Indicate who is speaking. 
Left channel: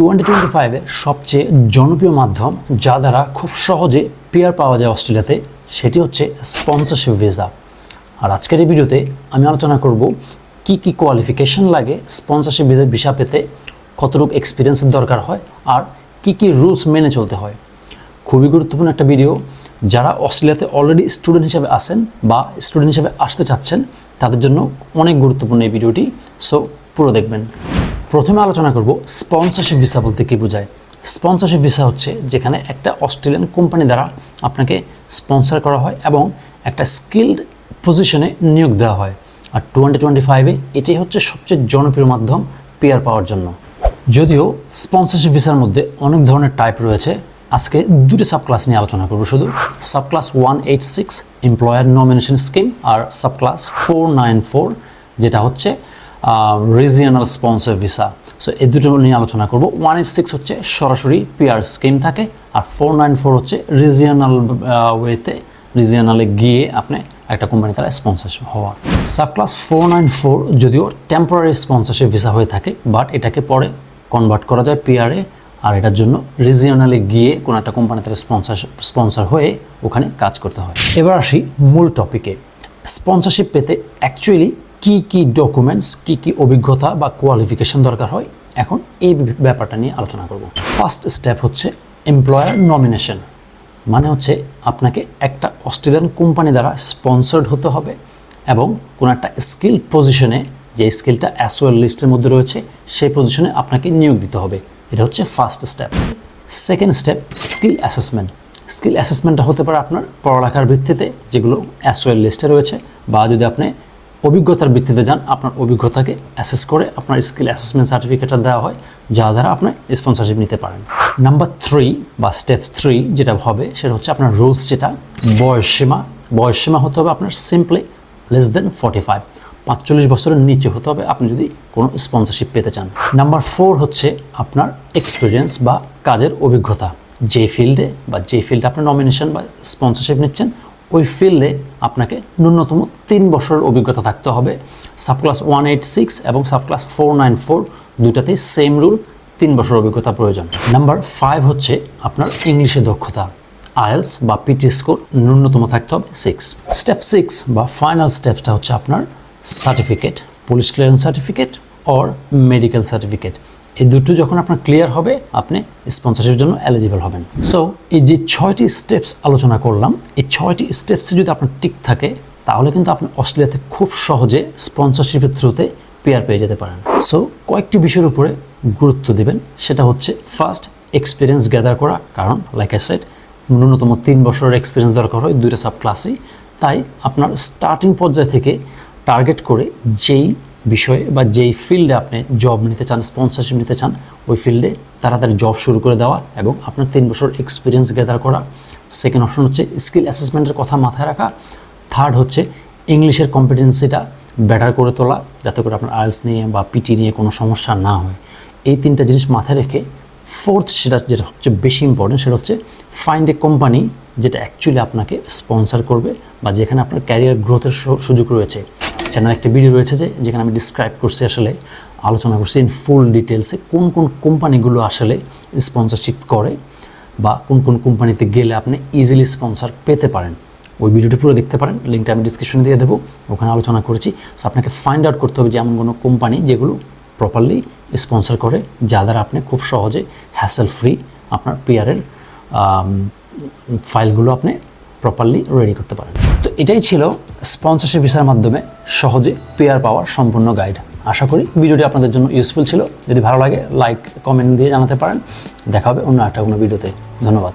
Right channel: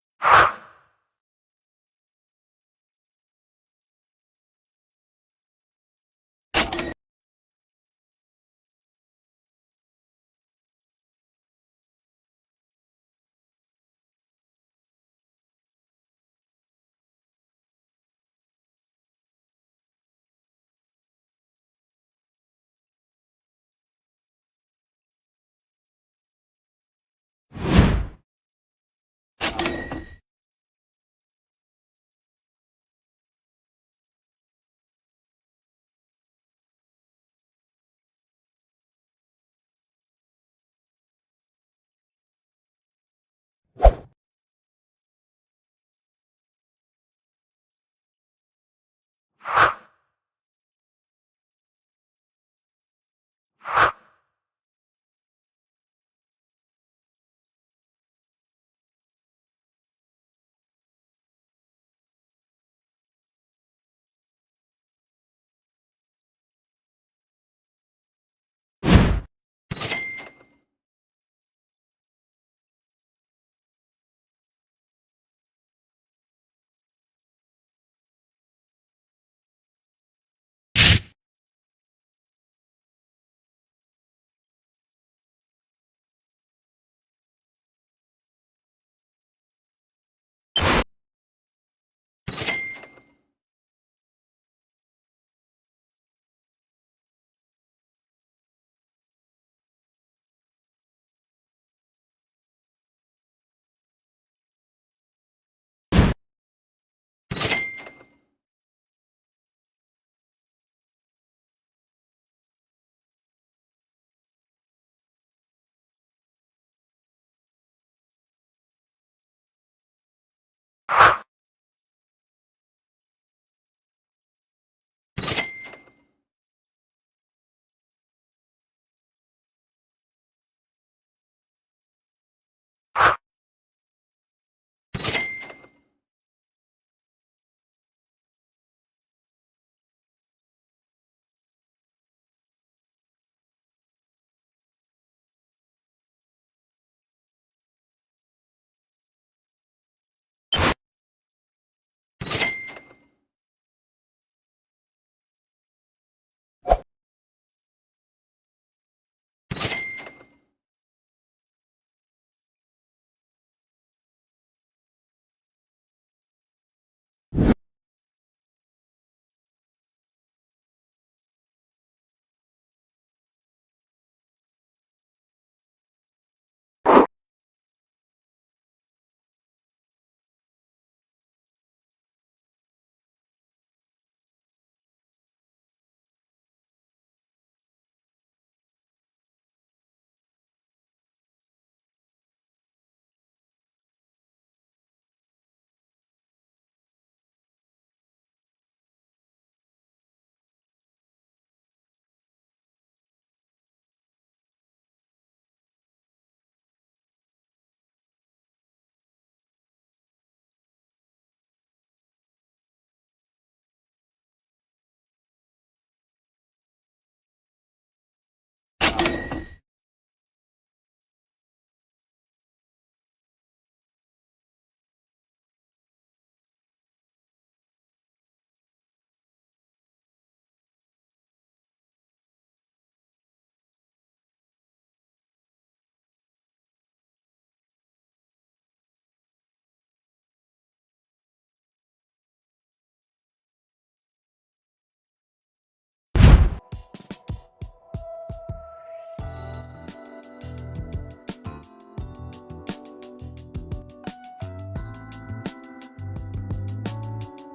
Speaker 1: Twenty twenty ফাইভের সবচেয়ে জনপ্রিয় মাধ্যম, যা দ্বারা খুব সহজে পেয়ার পাওয়া যায় অস্ট্রেলিয়াতে, সেটি হচ্ছে স্পন্সরশিপ ভিসা। আর আজকের এই ভিডিওতে আমি আলোচনা করব কি কি কোয়ালিফিকেশন লাগে স্পন্সরশিপ ভিসা পেতে, কতটুকু এক্সপিরিয়েন্সের দরকার হয়, আর কি কি রুলস মেনে চলতে হয়। খুবই গুরুত্বপূর্ণ একটা ভিডিও যারা অস্ট্রেলিয়াতে অলরেডি স্টুডেন্ট হিসেবে আসেন বা স্টুডেন্ট হিসেবে আসতে চাচ্ছেন, তাদের জন্য অনেক গুরুত্বপূর্ণ এই ভিডিওটি সো পুরো দেখবেন। প্রথমে আলোচনা করব স্পন্সরশিপ ভিসা বলতে কী বোঝায়। স্পন্সরশিপ ভিসা হচ্ছে যেখানে একটা অস্ট্রেলিয়ান কোম্পানি দ্বারা আপনাকে স্পন্সর করা হয় এবং একটা স্কিল্ড পজিশনে নিয়োগ দেওয়া হয়। আর টোয়েন্টি টোয়েন্টি ফাইভে এটাই হচ্ছে সবচেয়ে জনপ্রিয় মাধ্যম পেয়ার পাওয়ার জন্য। যদিও স্পন্সরশিপ ভিসার মধ্যে অনেক ধরনের টাইপ রয়েছে। আজকে দুটি সাব ক্লাস নিয়ে আলোচনা করব শুধু। Sub class one eight six employer nomination scheme আর sub class four nine four যেটা হচ্ছে রিজিয়নাল স্পন্সর ভিসা সো এই দুটো নিয়ে আলোচনা করব। ওয়ান এইট সিক্স হচ্ছে সরাসরি পিআর স্কিম থাকে, আর ফোর নাইন ফোর হচ্ছে রিজিয়নাল ওয়েতে রিজিয়নালে গিয়ে আপনি একটা কোম্পানি তারা স্পন্সরশিপ হওয়া। Sub class four nine four যদিও টেম্পোরারি স্পন্সরশিপ ভিসা হয়ে থাকে বাট এটাকে পরে কনভার্ট করা যায় পিআরে আর এটার জন্য রিজিয়নালে গিয়ে কোনো একটা কোম্পানি থেকে স্পন্সর স্পন্সর হয়ে ওখানে কাজ করতে হয়। এবার আসি মূল টপিকে স্পন্সরশিপ পেতে অ্যাকচুয়ালি কি কি ডকুমেন্টস কি কি অভিজ্ঞতা বা কোয়ালিফিকেশন দরকার হয়? এখন এই ব্যাপারটা নিয়ে আলোচনা করব। ফার্স্ট স্টেপ হচ্ছে এমপ্লয়ার নমিনেশন মানে হচ্ছে আপনাকে একটা অস্ট্রেলিয়ান কোম্পানি দ্বারা স্পন্সর্ড হতে হবে এবং কোনো একটা স্কিল পজিশনে যে স্কিলটা অ্যাসওয়েল লিস্টের মধ্যে রয়েছে, সেই পজিশনে আপনাকে নিয়োগ দিতে হবে। এটা হচ্ছে first step second step skill assessment skill অ্যাসেসমেন্টটা হতে পারে আপনার পড়ালেখার ভিত্তিতে যেগুলো অ্যাসওয়েল লিস্টে রয়েছে বা যদি আপনি অভিজ্ঞতার ভিত্তিতে যান, আপনার অভিজ্ঞতাকে অ্যাসেস করে আপনার স্কিল অ্যাসেসমেন্ট সার্টিফিকেটটা দেওয়া হয়, যা দ্বারা আপনি স্পন্সরশিপ নিতে পারেন। নাম্বার থ্রি বা স্টেপ থ্রি যেটা হবে, সেটা হচ্ছে আপনার রুলস যেটা বয়সসীমা বয়সসীমা হতে হবে আপনার simply less than forty five পাঁচচল্লিশ বছরের নিচে হতে হবে আপনি যদি কোনো স্পন্সরশিপ পেতে চান। নাম্বার ফোর হচ্ছে আপনার এক্সপিরিয়েন্স বা কাজের অভিজ্ঞতা। যে ফিল্ডে বা যে ফিল্ডে আপনি নমিনেশন বা স্পন্সরশিপ নিচ্ছেন ওই ফিল্ডে আপনাকে ন্যূনতম তিন বছরের অভিজ্ঞতা থাকতে হবে। Sub class one eight six এবং sub class four nine four দুটাতেই same rule তিন বছর অভিজ্ঞতা প্রয়োজন। নাম্বার ফাইভ হচ্ছে আপনার ইংলিশে দক্ষতা। আয়েলস বা পিটি স্কোর ন্যূনতম থাকতে হবে সিক্স স্টেপ সিক্স বা ফাইনাল স্টেপটা হচ্ছে আপনার certificate police clearance certificate or medical certificate এই দুটো যখন আপনার ক্লিয়ার হবে, আপনি স্পন্সরশিপের জন্য এলিজিবল হবেন। সো এই যে ছয়টি স্টেপস আলোচনা করলাম, এই ছয়টি স্টেপসে যদি আপনার টিক থাকে, তাহলে কিন্তু আপনি অস্ট্রেলিয়াতে খুব সহজে স্পন্সরশিপের থ্রুতে পেয়ার পেয়ে যেতে পারেন। সো কয়েকটি বিষয়ের উপরে গুরুত্ব দেবেন, সেটা হচ্ছে ফার্স্ট এক্সপিরিয়েন্স গ্যাদার করা, কারণ লাইক আই সেট ন্যূনতম তিন বছরের এক্সপিরিয়েন্স দরকার হয় দুইটা সাব ক্লাসেই তাই আপনার স্টার্টিং পর্যায় থেকে টার্গেট করে যেই বিষয়ে বা যেই ফিল্ডে আপনি জব নিতে চান স্পন্সরশিপ নিতে চান, ওই ফিল্ডে তাড়াতাড়ি জব শুরু করে দেওয়া এবং আপনার তিন বছর এক্সপিরিয়েন্স গ্যাদার করা। সেকেন্ড অপশন হচ্ছে স্কিল অ্যাসেসমেন্টের কথা মাথায় রাখা। থার্ড হচ্ছে ইংলিশের কম্পিটেন্সিটা বেটার করে তোলা, যাতে করে আপনার আইএলস নিয়ে বা পিটি নিয়ে কোনো সমস্যা না হয়। এই তিনটা জিনিস মাথায় রেখে ফোর্থ সেটা যেটা সবচেয়ে বেশি ইম্পর্টেন্ট সেটা হচ্ছে ফাইন্ড এ কোম্পানি যেটা অ্যাকচুয়ালি আপনাকে স্পন্সর করবে বা যেখানে আপনার ক্যারিয়ার গ্রোথের সুযোগ রয়েছে। চ্যানেল একটা ভিডিও রয়েছে যে, যেখানে আমি ডিসক্রাইব করছি আসলে, আলোচনা করছি ইন ফুল ডিটেলসে কোন কোন কোম্পানিগুলো আসলে স্পন্সরশিপ করে বা কোন কোন কোম্পানিতে গেলে আপনি ইজিলি স্পন্সর পেতে পারেন। ওই ভিডিওটি পুরো দেখতে পারেন লিঙ্কটা আমি ডিসক্রিপশনে দিয়ে দেবো, ওখানে আলোচনা করেছি। সো আপনাকে ফাইন্ড আউট করতে হবে যে এমন কোনো কোম্পানি যেগুলো প্রপারলি স্পন্সর করে, যা দ্বারা আপনি খুব সহজে হ্যাসেল ফ্রি আপনার পিয়ারের ফাইলগুলো আপনি প্রপারলি রেডি করতে পারেন। তো এটাই ছিল স্পন্সরশিপ ভিসার মাধ্যমে সহজে পেয়ার পাওয়ার সম্পূর্ণ গাইড আশা করি ভিডিওটি আপনাদের জন্য ইউজফুল ছিল। যদি ভালো লাগে লাইক কমেন্ট দিয়ে জানাতে পারেন। দেখা হবে অন্য একটা কোনো ভিডিওতে ধন্যবাদ।